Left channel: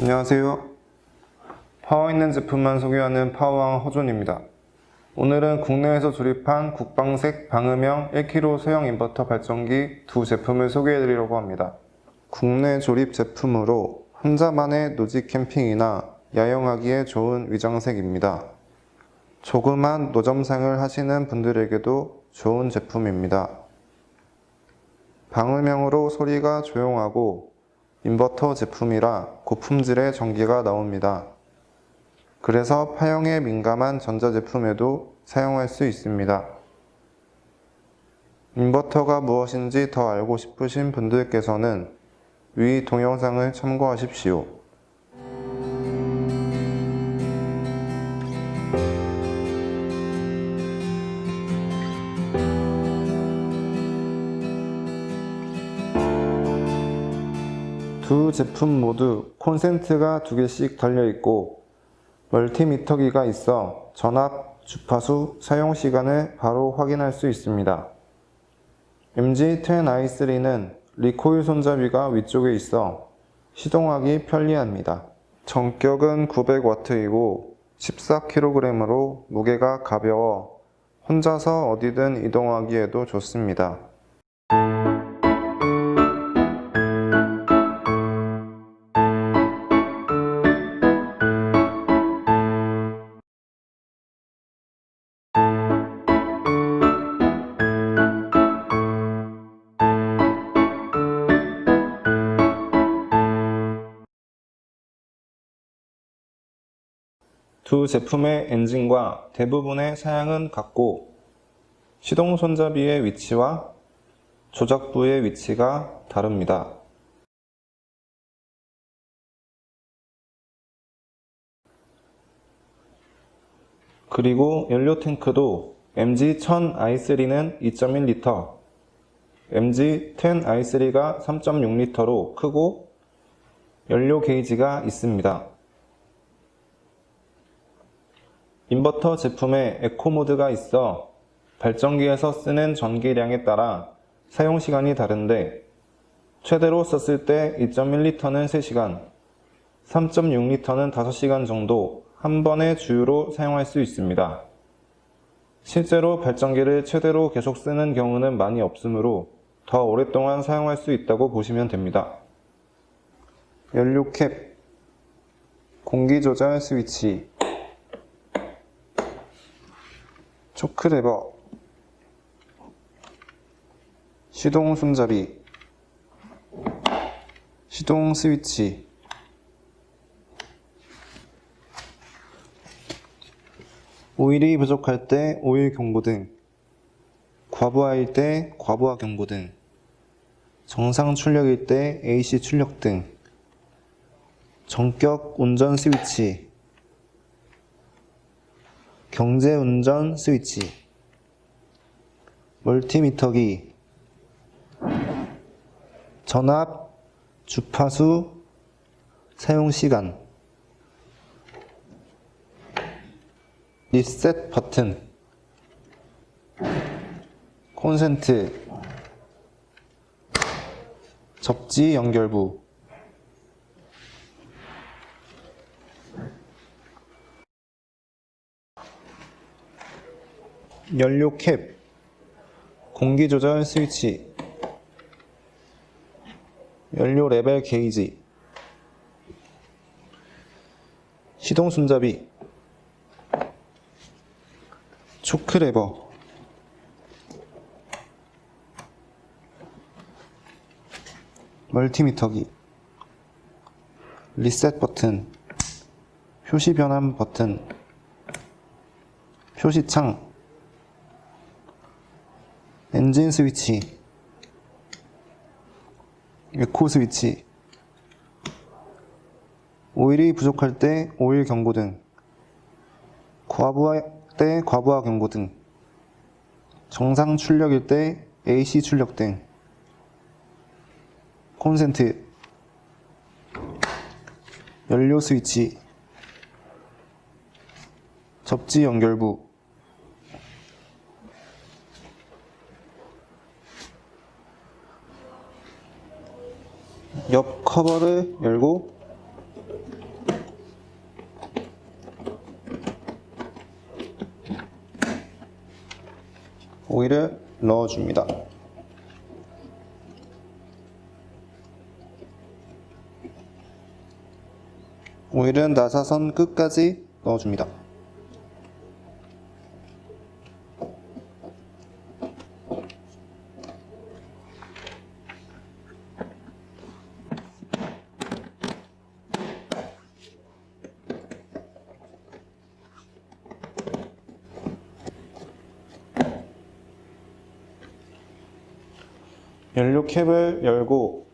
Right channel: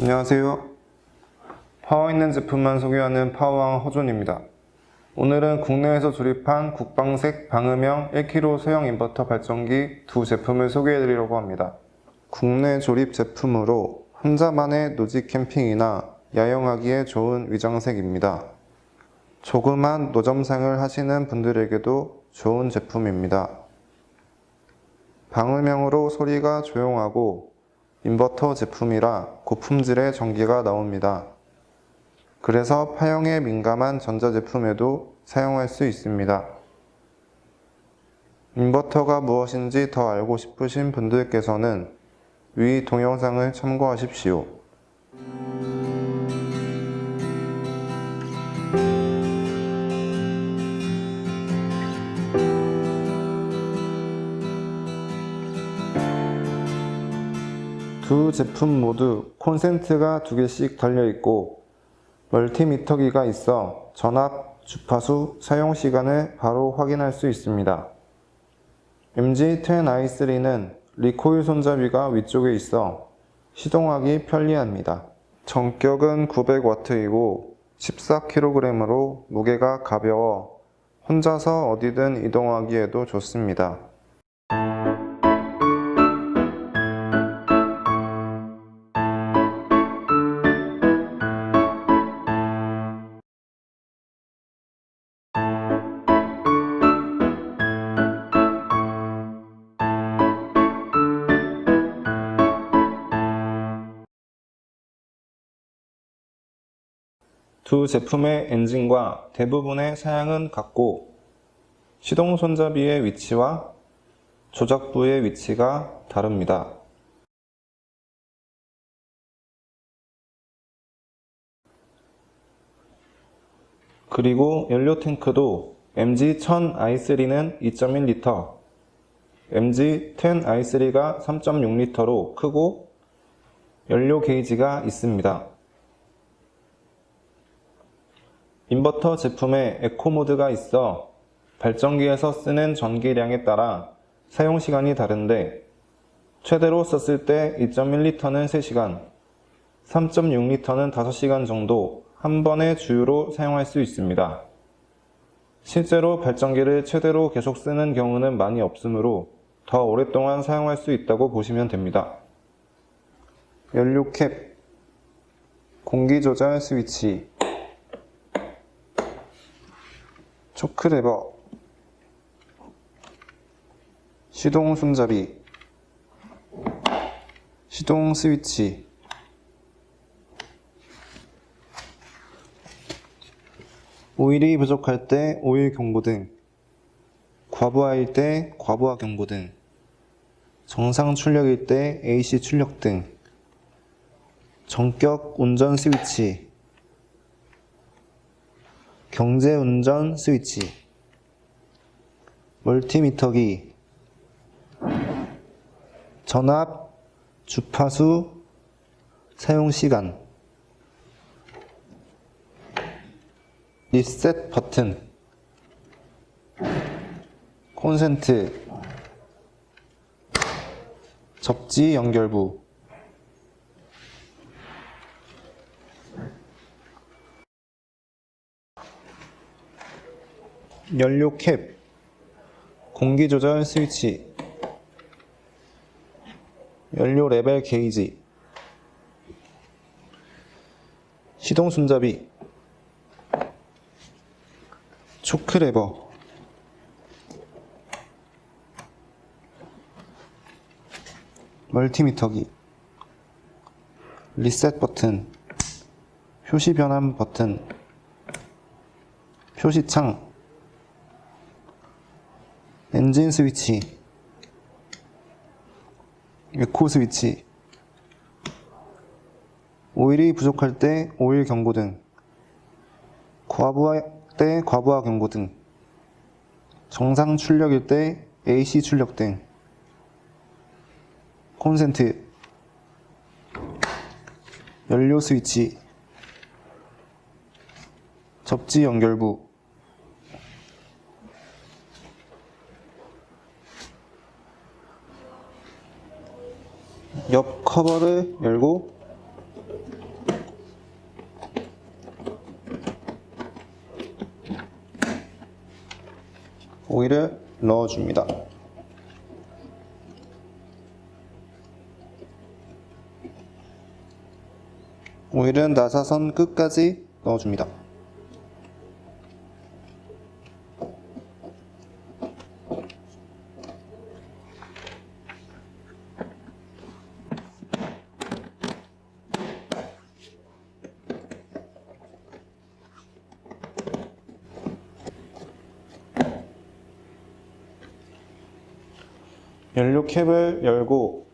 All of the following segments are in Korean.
안녕하세요. 파워 있는 제품만 소개하는 파워왕 허존입니다. 오늘은 국내에서 조립한 국방색 방음형 1kg 소형 인버터 발전기 두 제품을 소개해 드리려고 합니다. 국내 조립 제품으로 혼자만의 노지 캠핑이나 야영하기에 좋은 위장색입니다. 조그만 노점상을 하시는 분들에게도 좋은 제품입니다. 방음형으로 소리가 조용하고 인버터 제품이라 고품질의 전기가 나옵니다. 그래서 파형에 민감한 전자제품에도 사용할 수 있습니다. 인버터가 무엇인지 더 알고 싶으신 분들께서는 위 동영상을 참고하십시오. 두 제품 모두 콘센트가 두 개씩 달려 있고 멀티미터기가 있어 전압, 주파수, 사용 시간을 바로 확인할 수 있습니다. MG10i3는 리코일 손잡이가 위쪽에 있어 시동하기 편리합니다. 전격은 900W이고 14kg으로 무게가 가벼워 혼자서 어디든 이동하기에도 좋습니다. 두 제품의 엔진과 대부분의 사양은 같고 시동 손잡이의 위치와 조작부의 위치가 다릅니다. 그리고 연료 탱크도 MG1000i3는 2.1L, MG10i3가 3.6L로 크고 연료 게이지가 있습니다. 인버터 제품에 에코 모드가 있어 발전기에서 쓰는 전기량에 따라 사용 시간이 다른데 최대로 썼을 때 2.1리터는 3시간, 3.6리터는 5시간 정도 한 번의 주유로 사용할 수 있습니다. 실제로 발전기를 최대로 계속 쓰는 경우는 많이 없으므로 더 오랫동안 사용할 수 있다고 보시면 됩니다. 연료 캡, 공기 조절 스위치, 초크레버, 시동 손잡이, 시동 스위치, 오일이 부족할 때 오일 경고등, 과부하일 때 과부하 경고등, 정상 출력일 때 AC 출력등, 전격 운전 스위치, 경제 운전 스위치, 멀티미터기, 전압, 주파수, 사용 시간, 리셋 버튼, 콘센트, 접지 연결부, 연료 캡, 공기 조절 스위치, 연료 레벨 게이지, 시동 손잡이, 초크 레버, 멀티미터기, 리셋 버튼, 표시 변환 버튼, 표시창, 엔진 스위치, 에코 스위치, 오일이 부족할 때 오일 경고등, 과부하 때 과부하 경고등, 정상 출력일 때 AC 출력등, 콘센트, 연료 스위치, 접지 연결부, 옆 커버를 열고 오일을 넣어줍니다. 오일은 나사선 끝까지 넣어줍니다. 연료 캡을 열고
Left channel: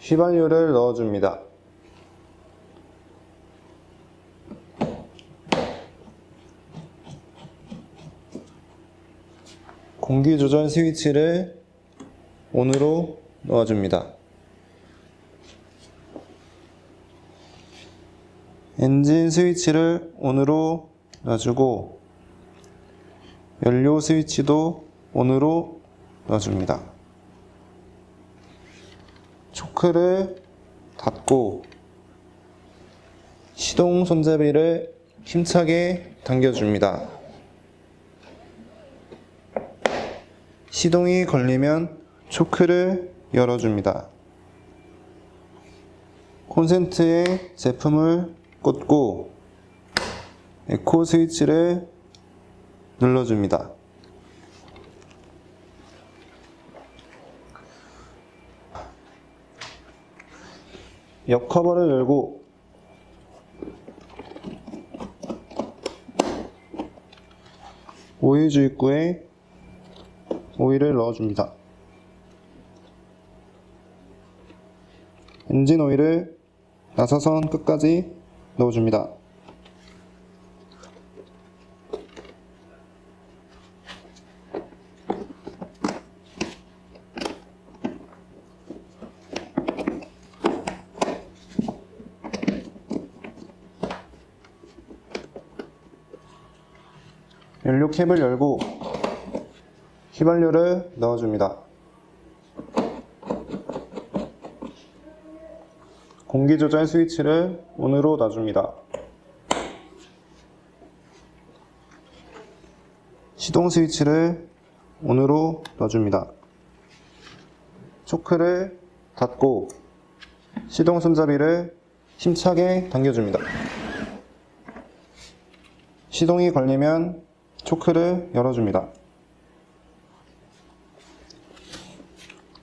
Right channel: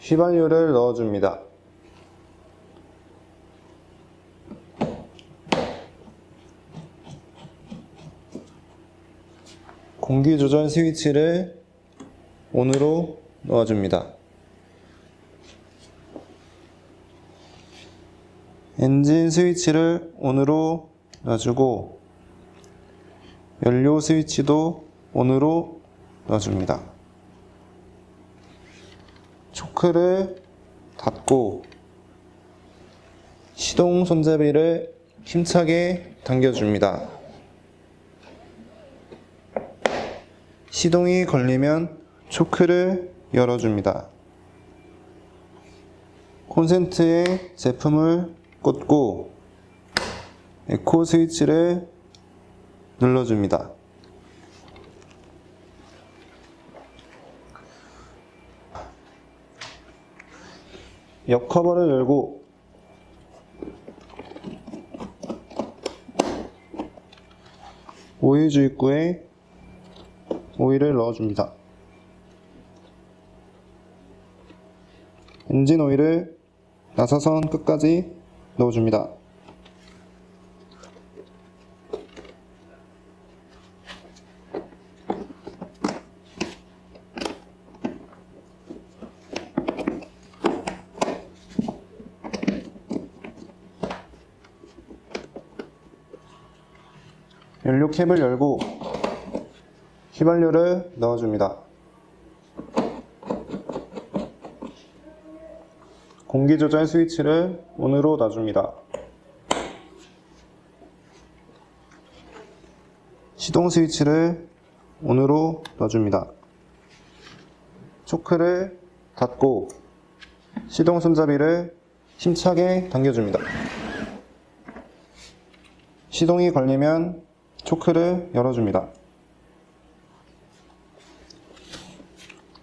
휘발유를 넣어줍니다. 공기 조절 스위치를 온으로 넣어줍니다. 엔진 스위치를 온으로 놔주고 연료 스위치도 온으로 넣어줍니다. 초크를 닫고 시동 손잡이를 힘차게 당겨줍니다. 시동이 걸리면 초크를 열어줍니다. 콘센트에 제품을 꽂고 에코 스위치를 눌러줍니다. 옆 커버를 열고 오일 주입구에 오일을 넣어줍니다. 엔진 오일을 나사선 끝까지 넣어줍니다. 연료 캡을 열고 휘발유를 넣어줍니다. 공기 조절 스위치를 온으로 놔줍니다. 시동 스위치를 온으로 넣어줍니다. 초크를 닫고 시동 손잡이를 힘차게 당겨줍니다. 시동이 걸리면 초크를 열어줍니다.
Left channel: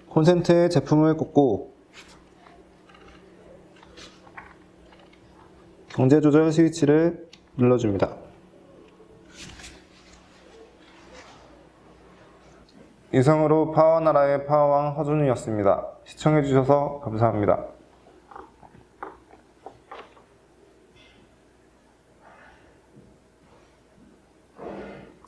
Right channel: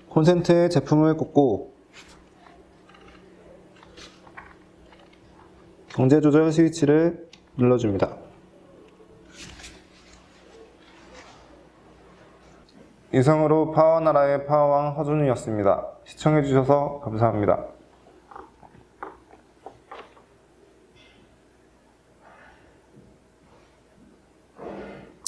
콘센트에 제품을 꽂고 강제 조절 스위치를 눌러줍니다. 이상으로 파워나라의 파워왕 허준이었습니다. 시청해주셔서 감사합니다.